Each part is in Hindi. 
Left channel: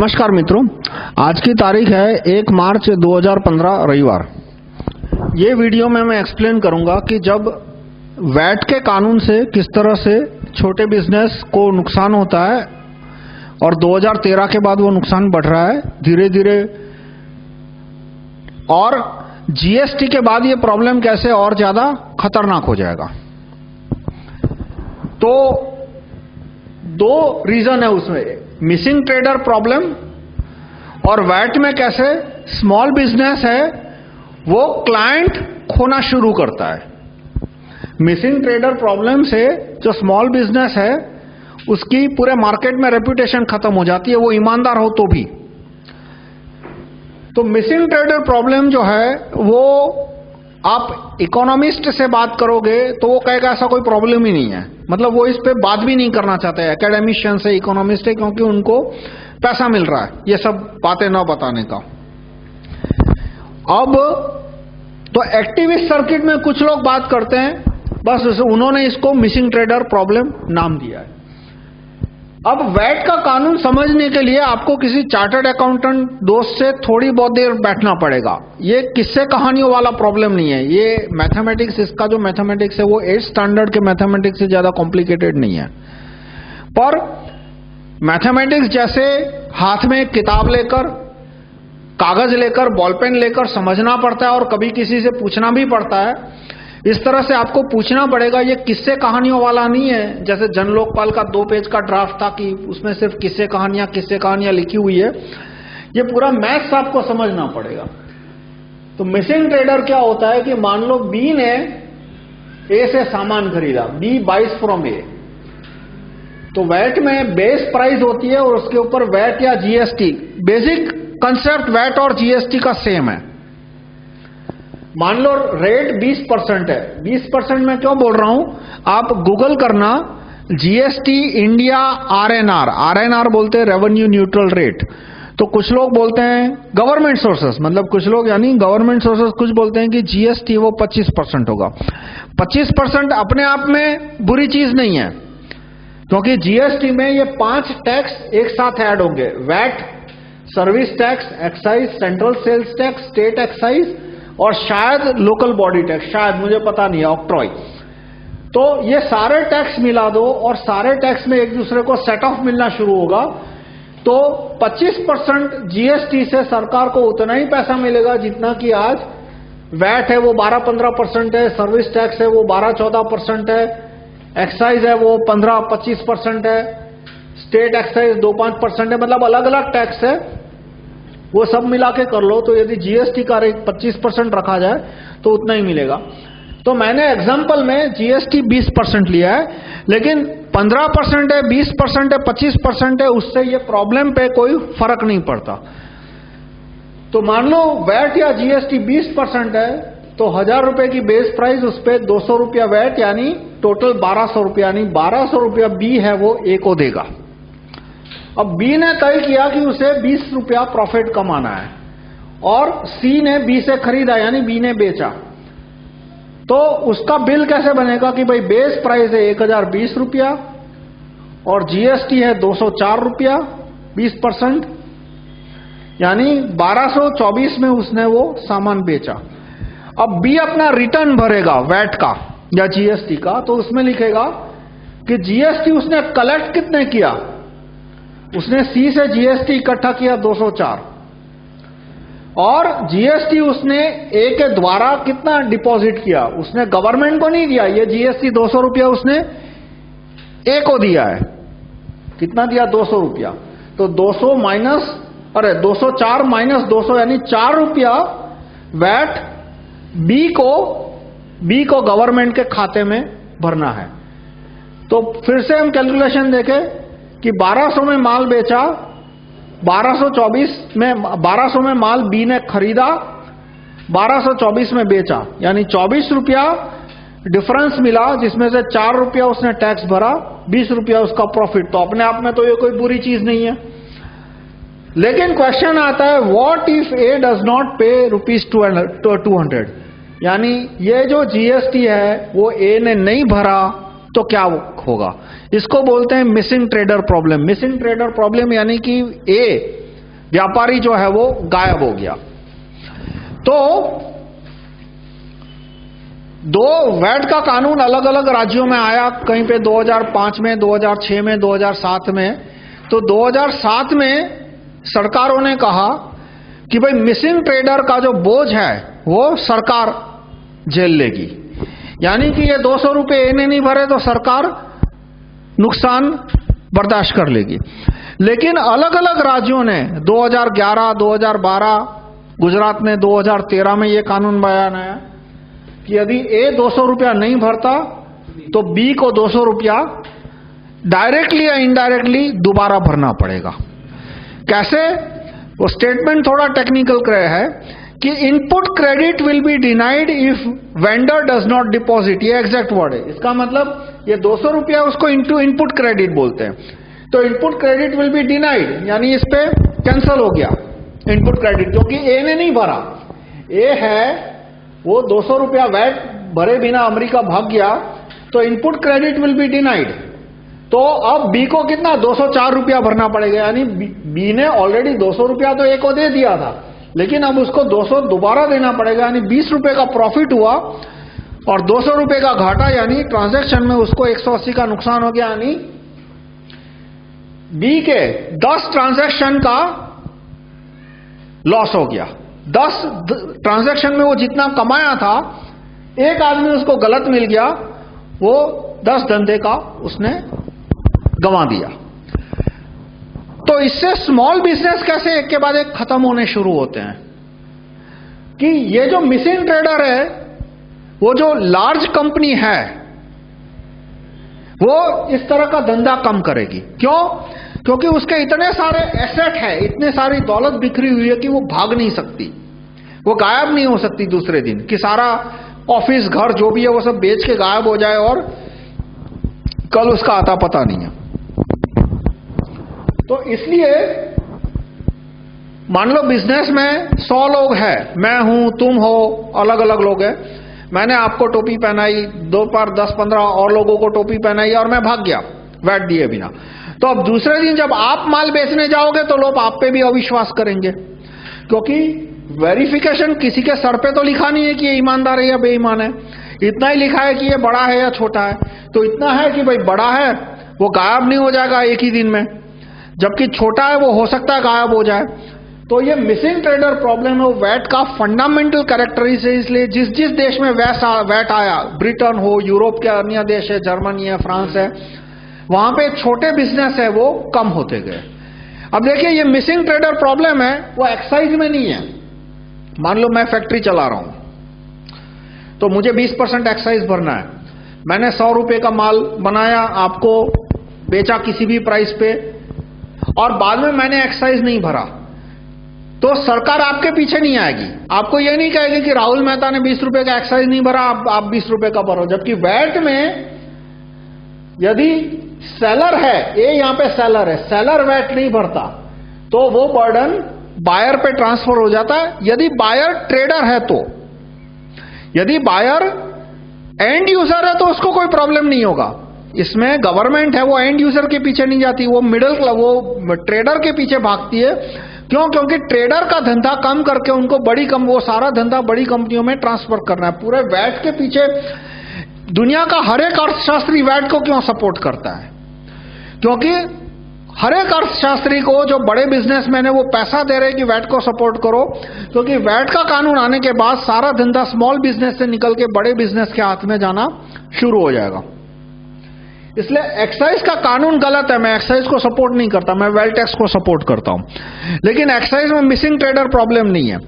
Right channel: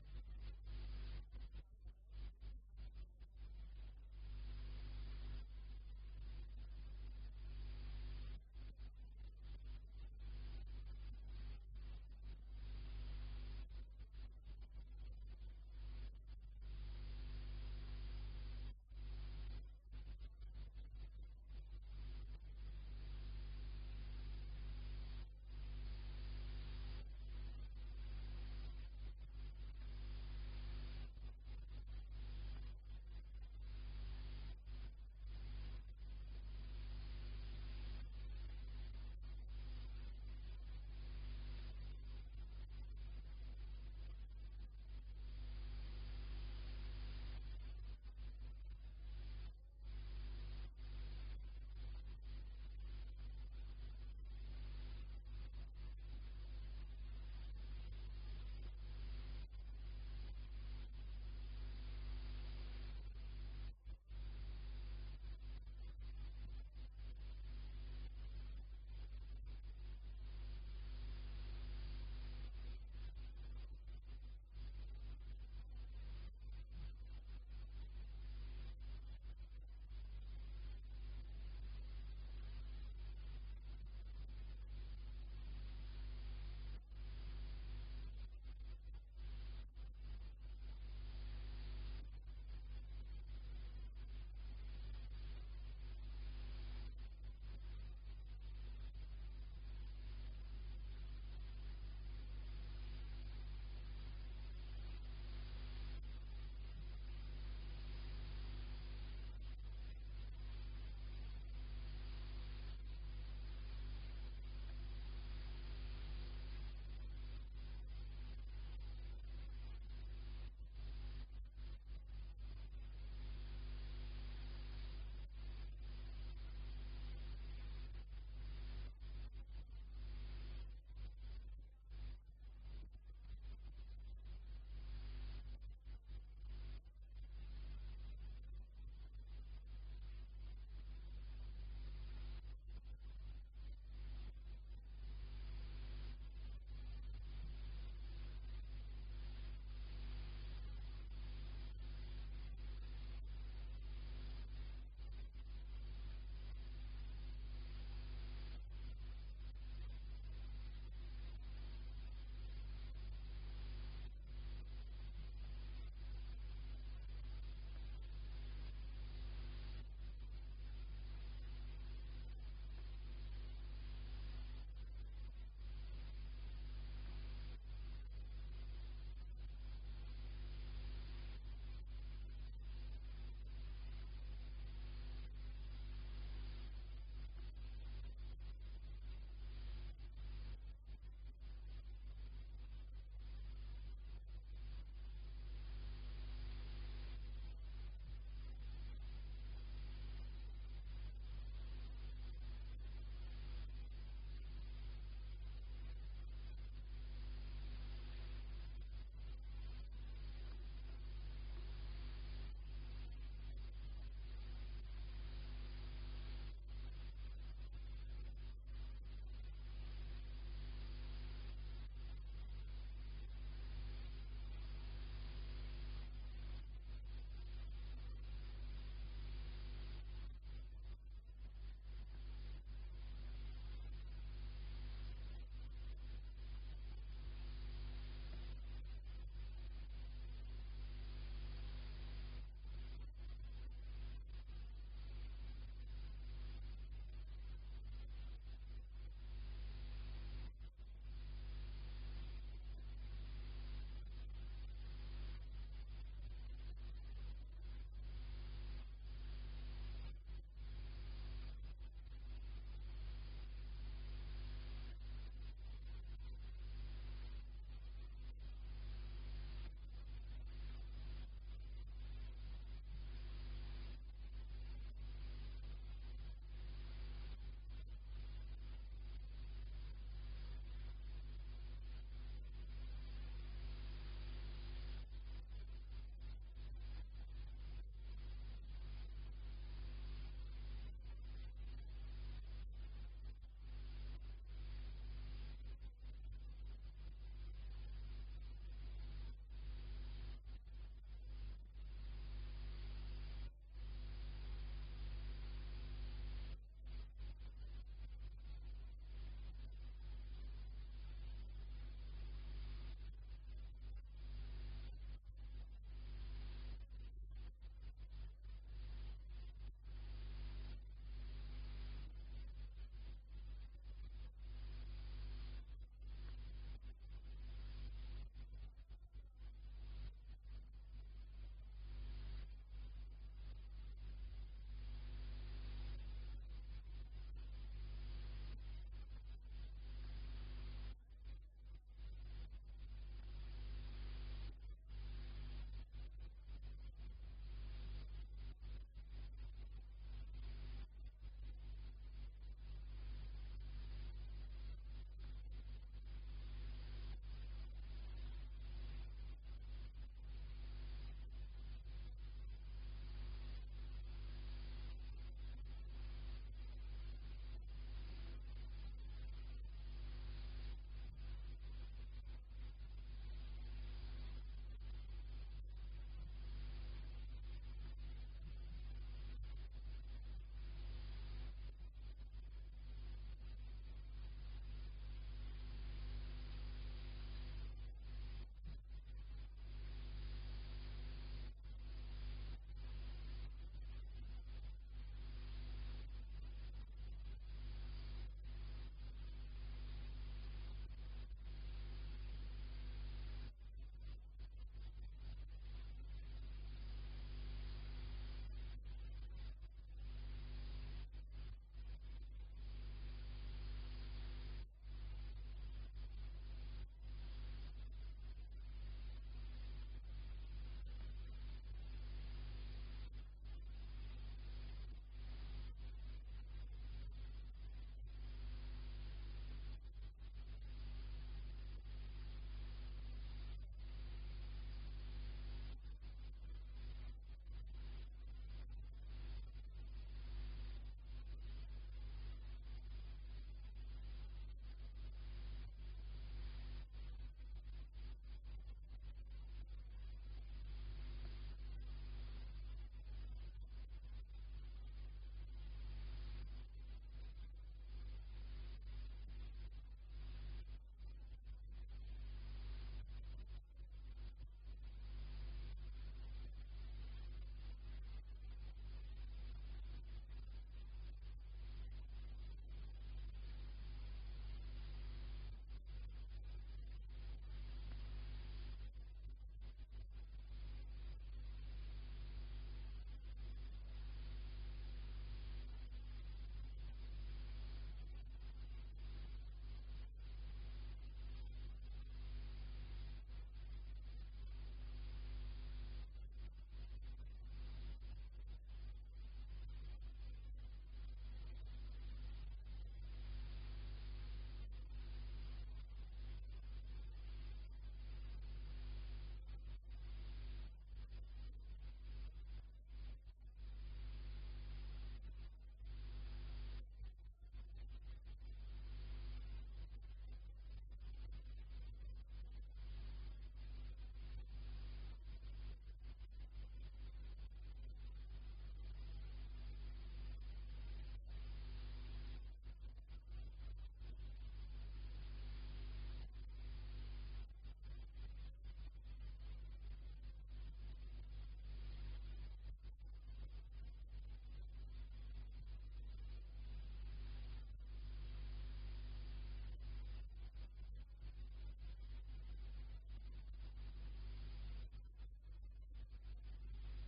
नमस्कार मित्रों, आज की तारीख है 1 मार्च 2015 रविवार। ये वीडियो में मैं एक्सप्लेन करूंगा कि जब वैट के कानून से किस तरह से छोटे बिजनेस को नुकसान होता है और 2013 के बाद वो नुकसान बढ़ रहा है धीरे धीरे, और जीएसटी के बाद ये प्रॉब्लम कैसे और ज्यादा खतरनाक हो जाएगा। तो दो रीजन है उसमें, मिसिंग ट्रेडर प्रॉब्लम और वैट में कैसे स्मॉल बिजनेस है वो क्लाइंट खोना शुरू करता है। मिसिंग ट्रेडर प्रॉब्लम से जो स्मॉल बिजनेस है उसकी पूरे मार्केट में रेपुटेशन खत्म हो जाती है, वो ईमानदार हो तो भी। तो मिसिंग ट्रेडर प्रॉब्लम जो है वो आप इकोनॉमिस्ट से बात करोगे तो वो कहेगा ऐसा कोई प्रॉब्लम ही नहीं है, मतलब वो इस पे बात भी नहीं करना चाहते हैं एकेडमिशियन से, इकोनॉमिस्ट है, क्योंकि उनको पैसा मिल रहा है ये सब बातें न बताने का। अब तो एक्टिविस्ट सर्किट में कुछ लोग बात करते हैं, बस उन्होंने इसको मिसिंग ट्रेडर प्रॉब्लम नाम दिया है। अब वैट का कानून समझने के लिए आपको किसी चार्टर्ड अकाउंटेंट दोस्त से थोड़ी बहुत देर बैठना पड़ेगा। ये किस्से कहानियों वाला प्रॉब्लम नहीं है, ये मैथमेटिक्स, इसका जो मैथमेटिक्स है वो 8th स्टैंडर्ड के मैथमेटिक्स से ज्यादा कॉम्प्लिकेटेड नहीं है। पर मैथमेटिक्स जैसे हाथ में किताब लेकर, कागज लेकर, बॉल पेन लेकर समझना पड़ता है और कभी किसी से पूछना भी पड़ता है, इस तरह से आपको पूछना पड़ेगा। ये किस्से कहानियों वाला नहीं है जैसे जन लोकपाल का 2 पेज का ड्राफ्ट था कि उसमें सिर्फ किस्से कहानियां लिखी हुई है। ये पूरा मैथ्स आपको समझना पड़ेगा। तो मिसिंग ट्रेडर क्या होता है कि मान लो बी ने ए से सामान खरीदा, बी बाइज फ्रॉम ए, तो वैट में बेस प्राइस होती है और उसके ऊपर वैट या जीएसटी, बेसिक कंसेप्ट वैट और जीएसटी का सेम है। मान लो रेट 20% है, 20% मैं क्यों बोल रहा हूं, आप गूगल करना जीएसटी इंडिया आरएनआर, आरएनआर बोलते हैं रेवेन्यू न्यूट्रल रेट, तो कुछ लोग बोलते हैं गवर्नमेंट सोर्सेस, मतलब कुछ लोग यानी गवर्नमेंट सोर्सेस कुछ बोलते हैं कि जीएसटी वो 25% होगा। 25% अपने आप में बुरी चीज नहीं है, क्योंकि जीएसटी में ये 5 टैक्स एक साथ ऐड होंगे, VAT, service tax, excise, central sales tax, state excise और शायद लोकल बॉडी टैक्स, शायद, मुझे पता नहीं है, ऑक्ट्रॉय। तो ये सारे टैक्स मिला दो और सारे टैक्स में एक दूसरे को सेट ऑफ मिलना शुरू होगा, तो 25% जीएसटी से सरकार को उतना ही पैसा मिलेगा जितना कि आज वैट है वो 12-15% है, सर्विस टैक्स है वो 12-14% है, एक्साइज है वो 15-25% है, स्टेट एक्साइज 2-5% है, मतलब अलग अलग टैक्स है, वो सब मिला के कर लो। तो यदि जीएसटी का रेट 25% रखा जाए तो उतना ही मिलेगा। तो मैंने एग्जांपल में जीएसटी 20% लिया है, लेकिन 15% है, 20% है, 25% है, उससे ये प्रॉब्लम पे कोई फर्क नहीं पड़ता। तो मान लो वैट या जीएसटी 20% है तो 1000 रुपए की बेस प्राइस, उस पे 200 रुपया वैट, यानी टोटल 1200 रुपया, यानी 1200 रुपया बी है वो ए को देगा। अब बी ने तय किया कि उसे 20 रुपया प्रॉफिट कमाना है और सी ने बी से खरीदा यानी बी ने बेचा, तो उसका बिल कैसे बनेगा कि भाई बेस प्राइस है 1020 रुपया और जीएसटी है 204 रुपया, 20%, यानी 1224 में उसने वो सामान बेचा। अब बी अपना रिटर्न भरेगा वैट का या जीएसटी का, तो उसमें लिखेगा कि जीएसटी उसने कलेक्ट कितने किया, उसने सी से जीएसटी इकट्ठा किया 204 और जीएसटी उसने ए के द्वारा कितना डिपॉजिट किया, उसने गवर्नमेंट को नहीं दिया, ये जीएसटी 200 रुपया उसने ए को दिया है। कितना दिया, 200 रुपया, तो 200 माइनस, अरे 204 माइनस 200 यानी 4 रुपया वैट बी को गवर्नमेंट के खाते में भरना है। तो फिर से हम कैलकुलेशन देखें कि 1200 में माल बेचा, 1200 में माल बी ने खरीदा, 1224 में बेचा, यानी 24 रुपया डिफरेंस मिला, जिसमें से 4 रुपया उसने टैक्स भरा, 20 रुपया उसका प्रॉफिट। तो अपने आप में तो ये कोई बुरी चीज नहीं है। लेकिन क्वेश्चन आता है, what if A does not पे ₹200, यानी ये जो जीएसटी है वो ए ने नहीं भरा तो क्या होगा। इसको बोलते हैं missing trader problem. Missing trader problem यानी कि ए व्यापारी जो है वो गायब हो गया। तो दो वैट का कानून अलग अलग राज्यों में आया, कहीं पे 2005 में, 2006 में, 2007 में। तो 2007 में सरकारों ने कहा कि भाई मिसिंग ट्रेडर का जो बोझ है वो सरकार झेल लेगी, यानी कि ये 200 रुपए इन्हें नहीं भरे तो सरकार नुकसान बर्दाश्त कर लेगी। लेकिन अलग अलग राज्यों ने 2011, 2012, गुजरात में 2013 में ये कानून बयान आया कि यदि ए 200 रुपया नहीं भरता तो बी को 200 रुपया डायरेक्टली या इनडायरेक्टली दोबारा भरना पड़ेगा। कैसे? वो स्टेटमेंट थोड़ा टेक्निकल है कि input credit will be denied if vendor does not deposit, ये एग्जैक्ट वर्ड है। इसका मतलब ये 200 रुपया उसको इनपुट क्रेडिट बोलते हैं। तो input credit will be denied, यानी इस पे कैंसल हो गया इनपुट क्रेडिट, क्योंकि ए ने नहीं भरा। ए है वो 200 रुपया वैट भरे बिना अमेरिका भाग गया, तो input credit will be denied. तो अब बी को कितना 204 रुपया भरना पड़ेगा, यानी बी ने ऑलरेडी 200 रुपया तो ए को दे दिया था, लेकिन अब उसको 200 दोबारा देना पड़ेगा, यानी 20 रुपए का प्रॉफिट हुआ और 200 रुपए का घाटा, यानी ट्रांजैक्शन में उसको 180 का नुकसान हो गया। यानी बी के 10 ट्रांजैक्शन का लॉस हो गया। 10 ट्रांजैक्शन में वो जितना कमाया था, एक आदमी उसको गलत मिल गया, वो 10 धंधे का उसने गंवा दिया। तो इससे स्मॉल बिजनेस कैसे एक के बाद एक खत्म होने शुरू होते हैं कि ये जो मिसिंग ट्रेडर है, वो जो लार्ज कंपनी है वो इस तरह का धंधा कम करेगी। क्यों? क्योंकि उसके इतने सारे एसेट है, इतने सारी दौलत बिखरी हुई है कि वो भाग नहीं सकती, वो गायब नहीं हो सकती दूसरे दिन, कि सारा ऑफिस घर जो भी है वो सब बेच के गायब हो जाए और कल उसका आता पता नहीं है। तो इसलिए मान लो बिजनेस में 100 लोग हैं, मैं हूं, तुम हो, अलग अलग लोग हैं। मैंने आपको टोपी पहनाई, 2 पर 10-15 और लोगों को टोपी पहनाई और मैं भाग गया वैट दिए बिना। तो अब दूसरे दिन जब आप माल बेचने जाओगे तो लोग आप पे भी अविश्वास करेंगे, क्योंकि वेरिफिकेशन किसी के सर पे तो लिखा नहीं है कि ये ईमानदार है या बेईमान है, इतना ही लिखा है कि ये बड़ा है या छोटा है। तो इतना है कि भाई बड़ा है वो गायब नहीं हो जाएगा एक ही दिन में, जबकि छोटा है वो हो सकता है गायब हो जाए। तो ये मिसिंग ट्रेडर प्रॉब्लम है, वो वैट का फंडामेंटल कैरेक्टरिस्टिक है। इसलिए जिस देश में वैट आया, ब्रिटेन हो, यूरोप के अन्य देश है, जर्मनी है, फ्रांस है, वहां पे छोटे बिजनेस है वो कम होते गए। अब देखिए ये मिसिंग ट्रेडर प्रॉब्लम है वो एक्साइज में नहीं है। मान लो मैं फैक्ट्री चला रहा हूं तो मुझे 20% एक्साइज भरना है। मैंने 100 रुपए का माल बनाया, आपको बेचा किसी भी प्राइस पे, और बाद में मैंने एक्साइज नहीं भरा, तो सरकार आपके पीछे नहीं आएगी, आपको ये नहीं कहेगी कि राहुल मेहता ने 20 रुपए का एक्साइज नहीं भरा, आप 20 रुपए का भरो। जबकि वैट में यदि सेलर है, ये यहां पे सेलर है, सेलर वैट नहीं भरता तो वो बर्डन बायर पे ट्रांसफर हो जाता है। यदि बायर ट्रेडर है तो, यदि बायर एंड यूजर है तो उसको कोई प्रॉब्लम नहीं होगा। इसमें गवर्नमेंट है वो एंड यूजर के पीछे नहीं जाती, वो वो ट्रेडर के पीछे भागती है। क्यों? क्योंकि ट्रेडर का धंधा कम करके उनको वो सारा धंधा बड़ी कंपनियों में ट्रांसफर करना है। पूरे वैट के पीछे दुनिया का हर एक अर्थशास्त्री वैट को क्यों सपोर्ट करता है? क्योंकि हर एक अर्थशास्त्री को जो बड़े बिजनेसमैन है वो पैसा दे रहे हैं कि वैट को सपोर्ट करो, क्योंकि वैट का कानून आने के बाद सारा धंधा स्मॉल बिजनेस से निकल के बड़े बिजनेस के हाथ में जाना शुरू हो जाएगा। इसलिए एक्साइज का कानून गलत है, मैं एक्साइज को सपोर्ट नहीं करता, मैं वेल्थ टैक्स को सपोर्ट करता हूं। लेकिन एक्साइज में मिसिंग ट्रेडर प्रॉब्लम नहीं है,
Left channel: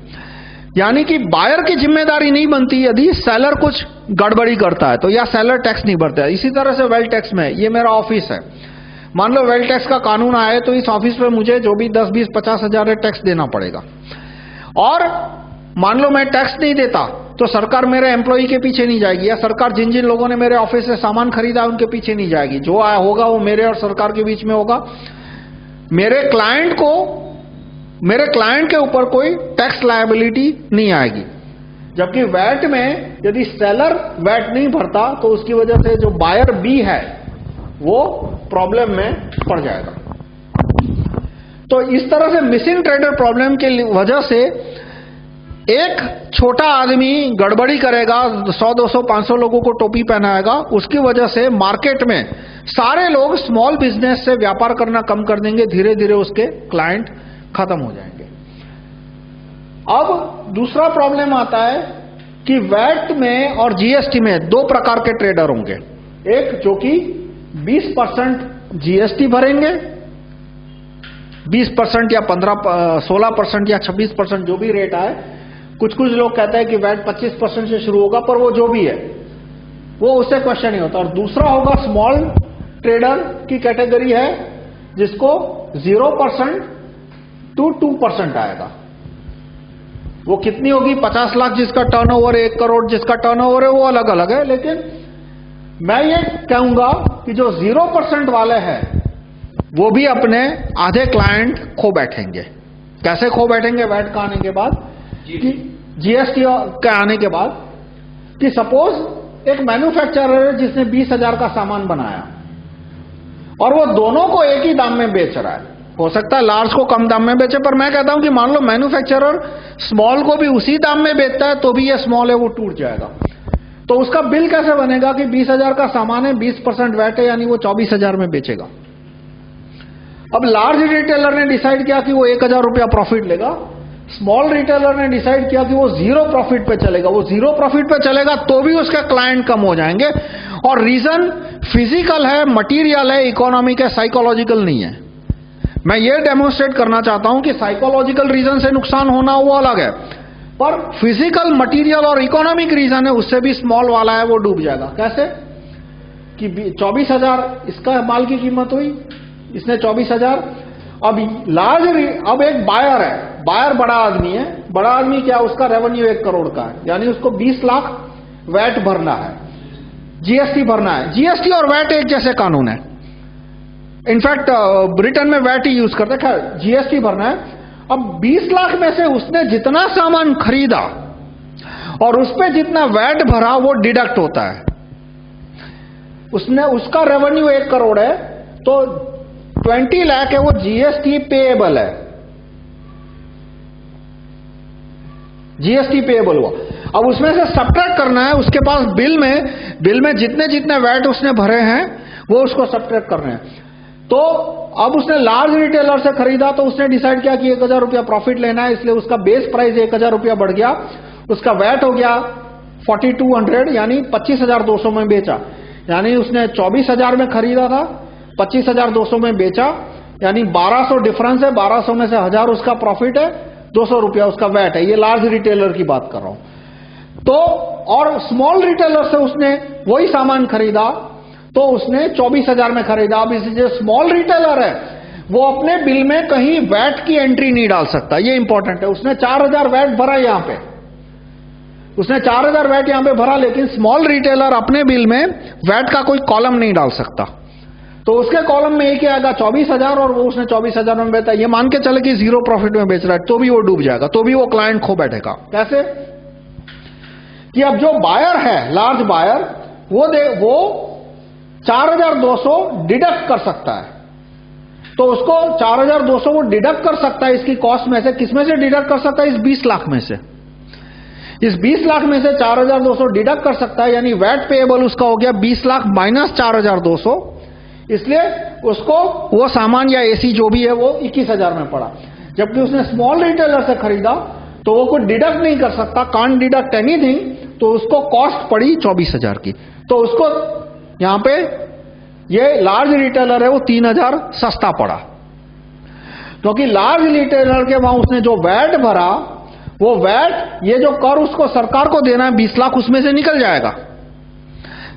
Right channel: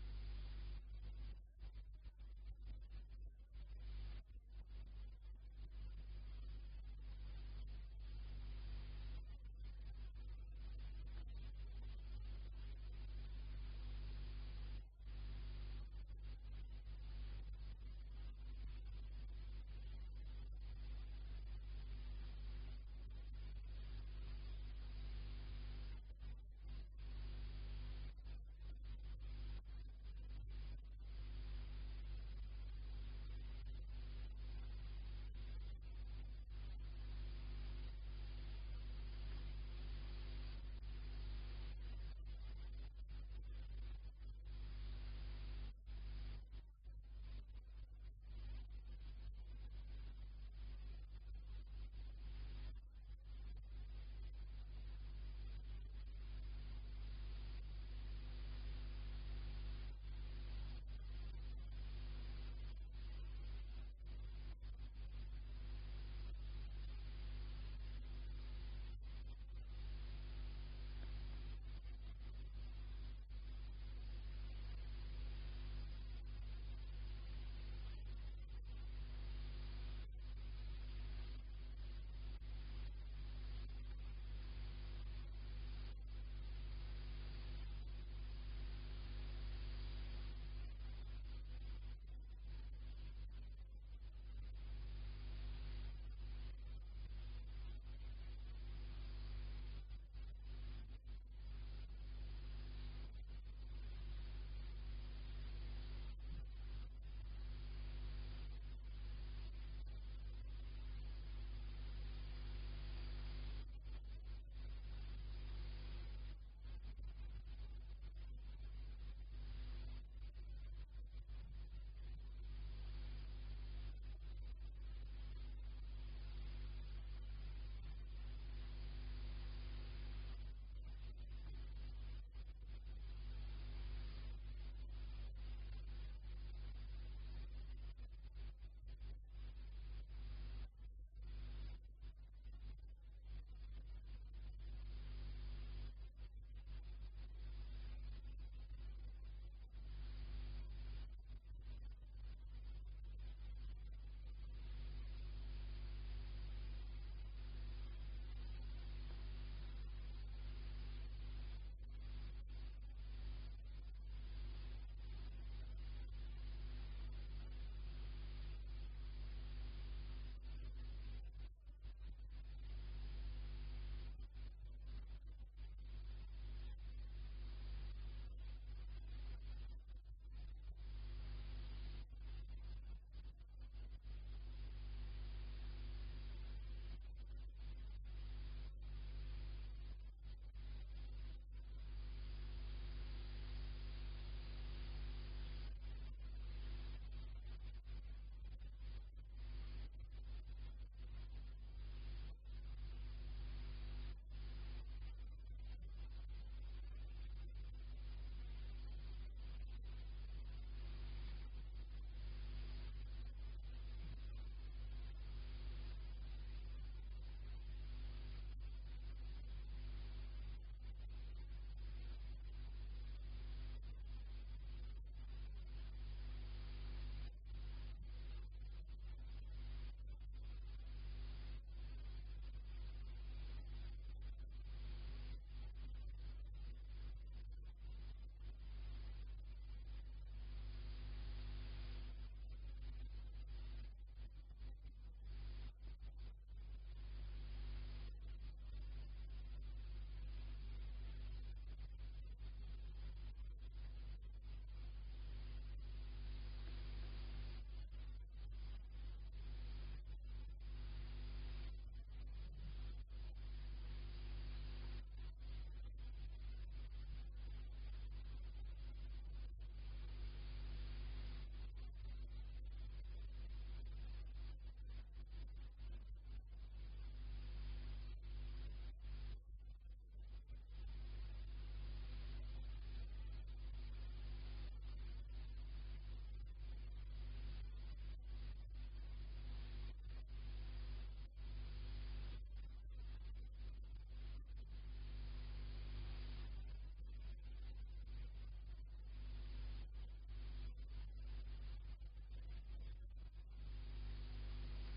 यानी कि बायर की जिम्मेदारी नहीं बनती यदि सेलर कुछ गड़बड़ी करता है तो, या सेलर टैक्स नहीं भरता है। इसी तरह से वेल्थ टैक्स में, ये मेरा ऑफिस है, मान लो वेल्थ टैक्स का कानून आया तो इस ऑफिस पे मुझे जो भी 10, 20, 50 हजार टैक्स देना पड़ेगा। और मान लो मैं टैक्स नहीं देता तो सरकार मेरे एम्प्लॉई के पीछे नहीं जाएगी, या सरकार जिन जिन लोगों ने मेरे ऑफिस से सामान खरीदा उनके पीछे नहीं जाएगी। जो आया होगा वो मेरे और सरकार के बीच में होगा। मेरे क्लाइंट के ऊपर कोई टैक्स लायबिलिटी नहीं आएगी। जबकि वैट में यदि सेलर वैट नहीं भरता तो उसकी वजह से जो बायर बी है वो प्रॉब्लम में पड़ जाएगा। तो इस तरह से मिसिंग ट्रेडर प्रॉब्लम के वजह से एक छोटा आदमी गड़बड़ी करेगा, 100, 200, 500 लोगों को टोपी पहनाएगा, उसकी वजह से मार्केट में सारे लोग स्मॉल बिजनेस से व्यापार करना कम कर देंगे, धीरे धीरे उसके क्लाइंट खत्म हो जाएंगे। अब दूसरा प्रॉब्लम आता है कि वैट में और जीएसटी में दो प्रकार के ट्रेडर होंगे। एक जो कि 20% जीएसटी भरेंगे, 20% या 16% या 26% जो भी रेट आए। कुछ लोग कहते हैं कि वैट 25% से शुरू होगा, पर वो जो भी है वो उससे क्वेश्चन नहीं होता। और दूसरा होगा स्मॉल ट्रेडर की कैटेगरी है जिसको 0% to 2% आएगा। वो कितनी होगी? 50 लाख जिसका टर्नओवर, 1 करोड़ जिसका टर्नओवर है, वो अलग अलग है। लेकिन मैं ये कहूंगा कि जो 0% वाले हैं वो भी अपने आधे क्लाइंट खो बैठेंगे। कैसे खो बैठेंगे? वैट का आने के बाद, कि जीएसटी के आने के बाद, कि सपोज एक मैन्युफैक्चरर है जिसने 20,000 का सामान बनाया और वो दोनों को एक ही दाम में बेच रहा है। हो सकता है लार्ज को कम दाम में बेचे, पर मैं कहता हूं कि मान लो मैन्युफैक्चरर स्मॉल को भी उसी दाम में बेचता है, तो भी ये स्मॉल है वो टूट जाएगा। तो उसका बिल कैसे बनेगा कि 20,000 का सामान है, 20% वैट है, यानी वो 24,000 में बेचेगा। अब लार्ज रिटेलर ने डिसाइड किया कि वो 1,000 रुपया प्रॉफिट लेगा, स्मॉल रिटेलर ने डिसाइड किया कि वो 0 प्रॉफिट पे चलेगा। वो 0 प्रॉफिट पे चलेगा तो भी उसके क्लाइंट कम हो जाएंगे। और रीजन फिजिकल है, मटीरियल है, इकोनॉमिक है, साइकोलॉजिकल नहीं है। मैं ये डेमोन्स्ट्रेट करना चाहता हूं कि साइकोलॉजिकल रीजन से नुकसान होना वो अलग है, पर फिजिकल, मटीरियल और इकोनॉमिक रीजन है, उससे भी स्मॉल वाला है वो डूब जाएगा। कैसे? कि 24,000 इसका माल की कीमत हुई, इसने 24,000। अब एक बायर है, बायर बड़ा आदमी है। बड़ा आदमी क्या? उसका रेवेन्यू 1 करोड़ का है, यानी उसको 20 लाख वैट भरना है, जीएसटी भरना है। जीएसटी और वैट एक जैसे कानून है। इनफैक्ट ब्रिटेन में वैट ही यूज करते हैं, जीएसटी भरना है। अब 20 लाख में से उसने जितना सामान खरीदा और उस पे जितना वैट भरा वो डिडक्ट होता है। उसका रेवेन्यू 1 करोड़ है, तो 20 लाख है वो जीएसटी पेएबल है, जीएसटी पेएबल हुआ। अब उसमें से सब्ट्रैक्ट करना है, उसके पास बिल में जितने जितने वैट उसने भरे हैं वो उसको सब्ट्रैक्ट करने हैं। तो अब उसने लार्ज रिटेलर से खरीदा, तो उसने डिसाइड किया कि 1,000 रुपया प्रॉफिट लेना है, इसलिए उसका बेस प्राइस 1,000 रुपया बढ़ गया, उसका वैट हो गया 4,200, यानी 25,200 में बेचा। यानी उसने 24,000 में खरीदा था, 25,200 में बेचा, यानी 1,200 डिफरेंस है। 1,200 में से 1,000 उसका प्रॉफिट है, 200 रुपया उसका वैट है। ये लार्ज रिटेलर की बात कर रहा हूं। तो और स्मॉल रिटेलर से उसने वही सामान खरीदा, तो उसने 24,000 में खरीदा। अब इस जो स्मॉल रिटेलर है वो अपने बिल में कहीं वैट की एंट्री नहीं डाल सकता, ये इंपॉर्टेंट है। उसने 4,000 वैट भरा यहां पे, उसने 4,000 वैट यहां पे भरा, लेकिन स्मॉल रिटेलर अपने बिल में वैट का कोई कॉलम नहीं डाल सकता। तो उसके कॉलम में एक आएगा 24,000 और वो उसने 24,000 में बेचा। ये मान के चले कि 0 प्रॉफिट में बेच रहा है, तो भी वो डूब जाएगा, तो भी वो क्लाइंट खो बैठेगा। कैसे? कि अब जो बायर है, लार्ज बायर, वो 4,200 डिडक्ट कर सकता है। तो उसको 4,200 वो डिडक्ट कर सकता है इसकी कॉस्ट में से। किस में से डिडक्ट कर सकता है? इस 20 लाख में से। इस 20 लाख में से 4,200 डिडक्ट कर सकता है, यानी वैट पेएबल उसका हो गया 20 लाख माइनस 4,200। इसलिए उसको वो सामान या एसी जो भी है वो 21,000 में पड़ा। जबकि उसने स्मॉल रिटेलर से खरीदा तो वो कोई डिडक्ट नहीं कर सकता, कांट डिडक्ट एनीथिंग, तो उसको कॉस्ट पड़ी 24,000 की। तो उसको यहां पे ये लार्ज रिटेलर है वो 3,000 सस्ता पड़ा, क्योंकि लार्ज रिटेलर के वहां उसने जो वैट भरा, वो वैट, ये जो कर उसको सरकार को देना है 20 लाख, उसमें से निकल जाएगा।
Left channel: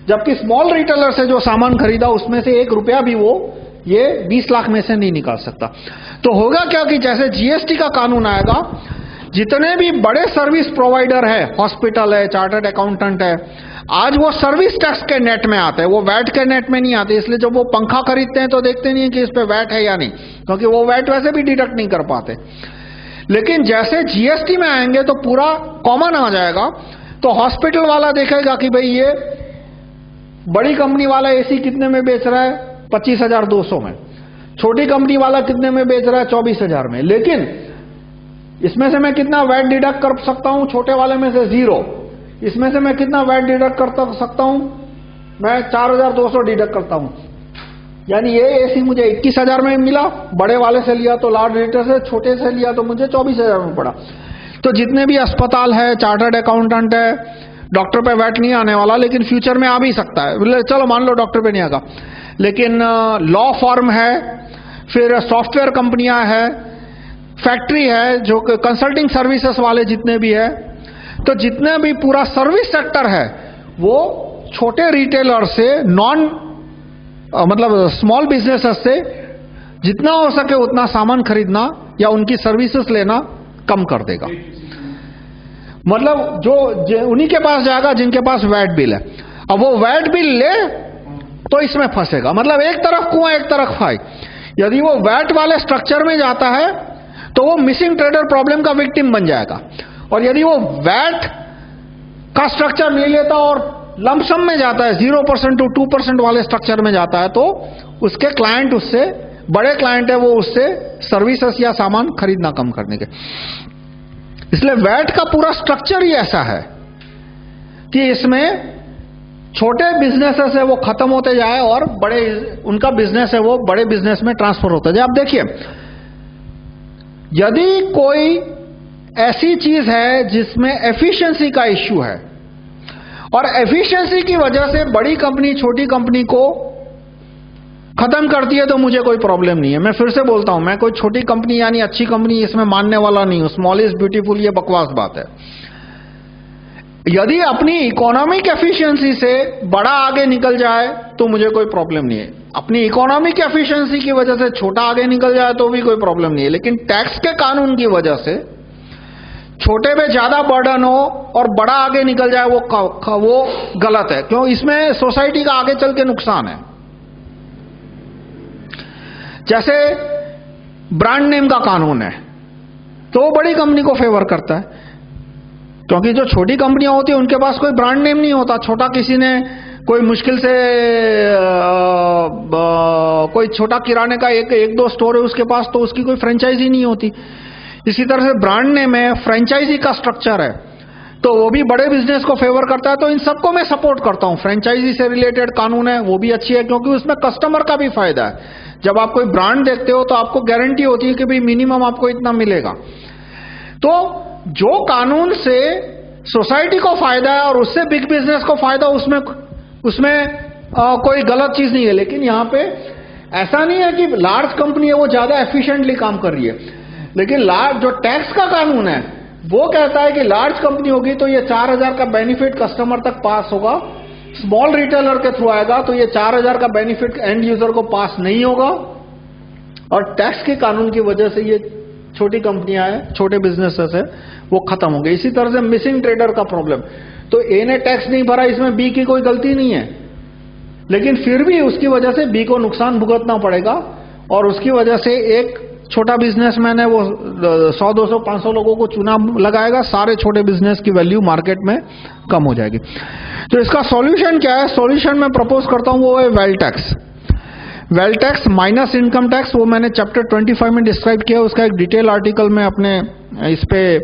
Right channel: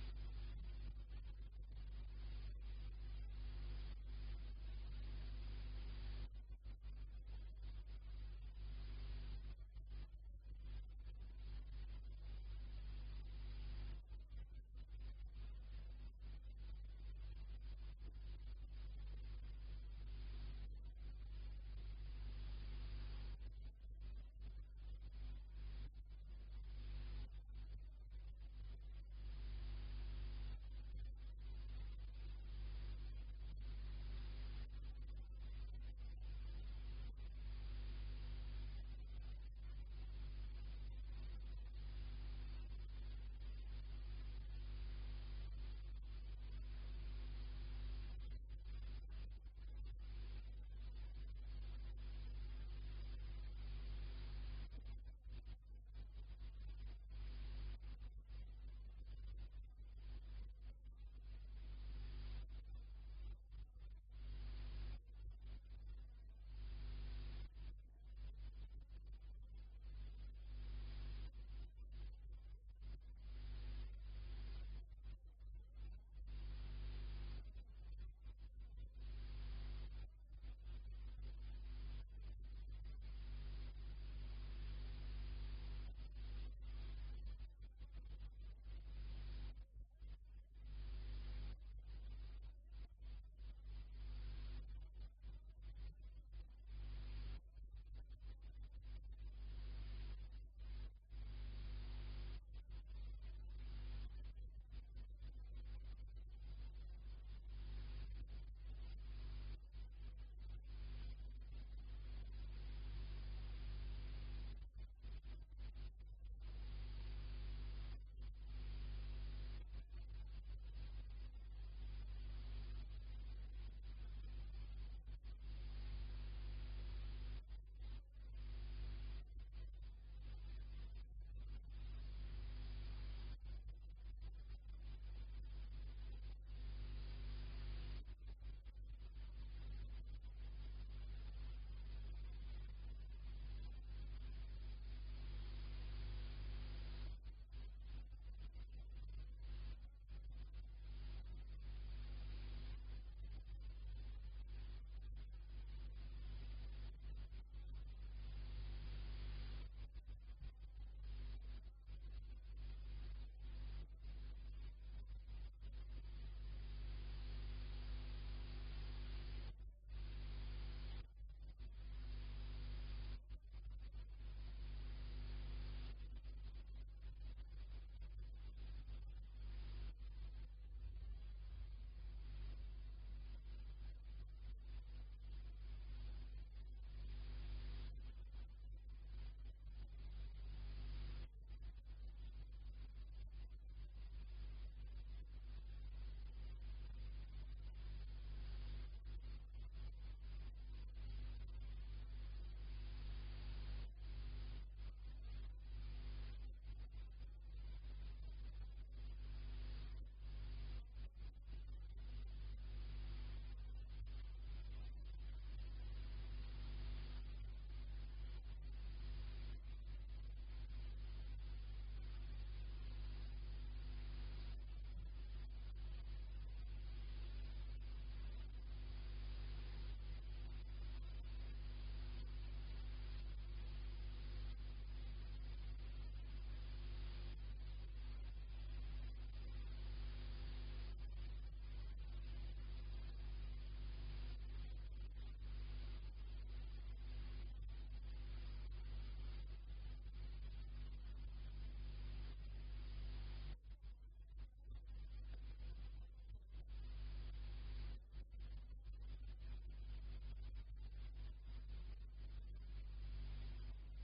जबकि स्मॉल रिटेलर से जो सामान खरीदा उसमें से 1 रुपया भी वो ये 20 लाख में से नहीं निकाल सकता। तो होगा क्या कि जैसे जीएसटी का कानून आएगा, जितने भी बड़े सर्विस प्रोवाइडर है, हॉस्पिटल है, चार्टर्ड अकाउंटेंट है, आज वो सर्विस टैक्स के नेट में आते हैं, वो वैट के नेट में नहीं आते। इसलिए जब वो पंखा खरीदते हैं तो देखते नहीं है कि इस पे वैट है या नहीं, क्योंकि वो वैट वैसे भी डिडक्ट नहीं कर पाते। लेकिन जैसे जीएसटी में आएंगे तो पूरा कॉमन आ जाएगा। तो हॉस्पिटल वाला देखेगा कि भाई ये बड़ी कंपनी वाला एसी कितने में बेच रहा है? 25,200 में। छोटी कंपनी वाला कितने में बेच रहा है? 24,000 में। लेकिन इसमें से मैं कितना वैट डिडक्ट कर सकता हूं? छोटे वाले में से 0। इसमें से मैं कितना वैट डिडक्ट कर सकता हूं? मैं 4,200 डिडक्ट करता हूं। यानी ये एसी मुझे 21,000 में मिला, बड़े वाले से लिया तो लार्ज रेटर से, छोटे से लिया तो मुझे 24,000 में पड़ा। तो जितने भी अस्पताल है, चार्टर्ड अकाउंटेंट है, डॉक्टर पे वैट नहीं आने वाला, लेकिन फ्यूचर में आ भी सकता है। चलो मान लो डॉक्टर पे नहीं आएगा, लेकिन लॉ फर्म है, फिर सॉफ्टवेयर कंपनियां है, फैक्ट्री है, जो कंसल्टिंग सर्विसेज वाले जितने भी है, तो जितने भी पूरा सर्विस सेक्टर है वो छोटे रिटेलर से मतलब स्मॉल बिजनेसेस से जितना हो सके उतना सामान खरीदना या उनकी सर्विसेज लेना कम कर देगा। मतलब जो उन्हीं के पास जाएगा जिनके पास वैट बिल है। अब वो वैट बिल ले तो इसमें फंसेगा। मतलब एक तरफ कुआं एक तरफ खाई। यदि वो वैट वाले स्ट्रक्चर में जाता है तो वो मिसिंग ट्रेडर प्रॉब्लम का विक्टिम बन जाएगा। और यदि वो वैट का स्ट्रक्चर नहीं लेता और लमसम में जाता है, 0% to 2% वाले स्ट्रक्चर में जाता है, तो उसके क्लाइंट, उससे बड़े क्लाइंट है, वो उससे सर्विसेज या सामान खरीदना कम करने के। इसलिए वैट का पूरा स्ट्रक्चर ही ऐसा है कि इसमें छोटे बिजनेसेस है वो खत्म होते जाए और बड़े उनका बिजनेस है वो बड़े बिजनेस में ट्रांसफर होता जाए। अब देखिए, यदि कोई ऐसी चीज है जिसमें एफिशिएंसी का इश्यू है और एफिशिएंसी की वजह से बड़ी कंपनी छोटी कंपनी को खत्म करती है, तो मुझे कोई प्रॉब्लम नहीं है। मैं फिर से बोलता हूं, मैं कोई छोटी कंपनी यानी अच्छी कंपनी इसमें मानने वाला नहीं हूं। स्मॉल इज ब्यूटीफुल, ये बकवास बात है। यदि अपनी इकोनॉमिक एफिशिएंसी से बड़ा आगे निकल जाए तो मुझे कोई प्रॉब्लम नहीं है। अपनी इकोनॉमिक एफिशिएंसी की वजह से छोटा आगे निकल जाए तो भी कोई प्रॉब्लम नहीं है। लेकिन टैक्स के कानून की वजह से छोटे पे ज्यादा बर्डन हो और बड़ा आगे निकल जाए, वो गलत है। क्यों? इसमें सोसाइटी का आगे चल के नुकसान है। जैसे ब्रांड नेम का कानून है तो वो बड़ी कंपनी को फेवर करता है, क्योंकि जो छोटी कंपनियां होती है उनके पास कोई ब्रांड नेम नहीं होता। छोटा किसी ने कोई मुश्किल से कोई छोटा किराने का एक दो स्टोर है उसके पास, तो उसकी कोई फ्रेंचाइजी नहीं होती। इसी तरह से ब्रांड नेम है, फ्रेंचाइजी का स्ट्रक्चर है, तो वो भी बड़े बिजनेस को फेवर करता है। तो इन सबको मैं सपोर्ट करता हूं। फ्रेंचाइजी से रिलेटेड कानून है वो भी अच्छी है, क्योंकि उसमें कस्टमर का भी फायदा है। जब आप कोई ब्रांड देखते हो तो आपको गारंटी होती है कि भाई मिनिमम आपको इतना मिलेगा। तो जो कानून से सोसाइटी को फायदा है और उससे बिग बिजनेस को फायदा, उसमें कोई गलत चीज नहीं है। लेकिन यहाँ पे ऐसा नहीं है कि लार्ज कंपनी है वो ज्यादा एफिशिएंटली काम कर रही है, लेकिन लार्ज जो टैक्स का कानून है वो कहता है कि लार्ज कंपनी होगी तो ये 4,000 का बेनिफिट कस्टमर तक पास होगा, स्मॉल रिटेलर के थ्रू आएगा तो ये 4,000 का बेनिफिट एंड यूजर को पास नहीं होगा। और टैक्स के कानून की वजह से ये छोटी कंपनियां हैं, छोटे बिजनेसेस है, वो खत्म हो गए। इसी तरह से मिसिंग ट्रेडर का प्रॉब्लम, तो ए ने टैक्स नहीं भरा, इसमें बी की कोई गलती नहीं है, लेकिन फिर भी उसकी वजह से बी को नुकसान भुगतना पड़ेगा। और उसकी वजह से एक छोटा बिजनेसमैन है वो 100, 200, 500 लोगों को चुना लगाएगा, सारे छोटे बिजनेस की वैल्यू मार्केट में कम हो जाएगी। तो इसका सॉल्यूशन क्या है? सॉल्यूशन मैं प्रपोज करता हूं वो है wealth tax. Wealth tax minus income tax, वो मैंने चैप्टर 25 में डिस्क्राइब किया। उसका एक डिटेल आर्टिकल मैं अपने इस पे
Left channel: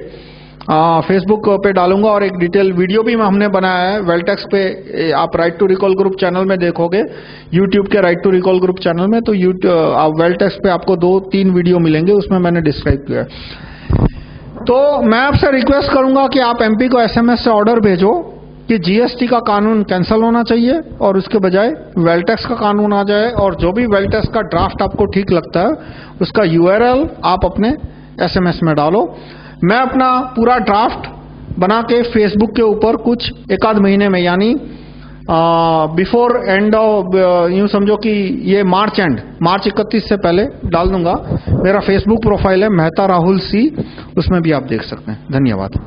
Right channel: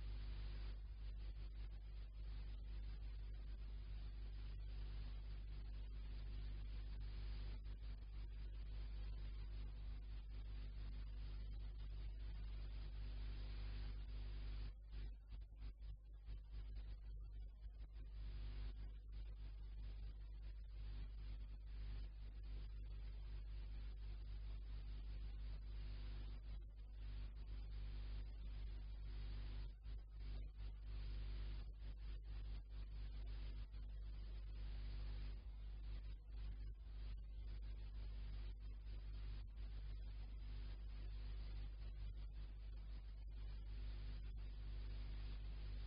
फेसबुक पे डालूंगा और एक डिटेल वीडियो भी हमने बनाया है वेल्थ टैक्स पे। आप right to recall group channel में देखोगे, यूट्यूब के right to recall group channel में, तो आप वेल्थ टैक्स पे आपको 2-3 वीडियो मिलेंगे, उसमें मैंने डिस्क्राइब किया है। तो मैं आपसे रिक्वेस्ट करूंगा कि आप एमपी को एसएमएस से ऑर्डर भेजो कि जीएसटी का कानून कैंसिल होना चाहिए और उसके बजाय वेल्थ टैक्स का कानून आ जाए। और जो भी वेल्थ टैक्स का ड्राफ्ट आपको ठीक लगता है उसका यूआरएल आप अपने एसएमएस में डालो। मैं अपना पूरा ड्राफ्ट बना के फेसबुक के ऊपर कुछ 1-आध महीने में, यानी बिफोर एंड ऑफ, यूं समझो कि ये मार्च 31 से पहले डाल दूंगा। मेरा फेसबुक प्रोफाइल है मेहता राहुल सी, उसमें भी आप देख सकते हैं। धन्यवाद।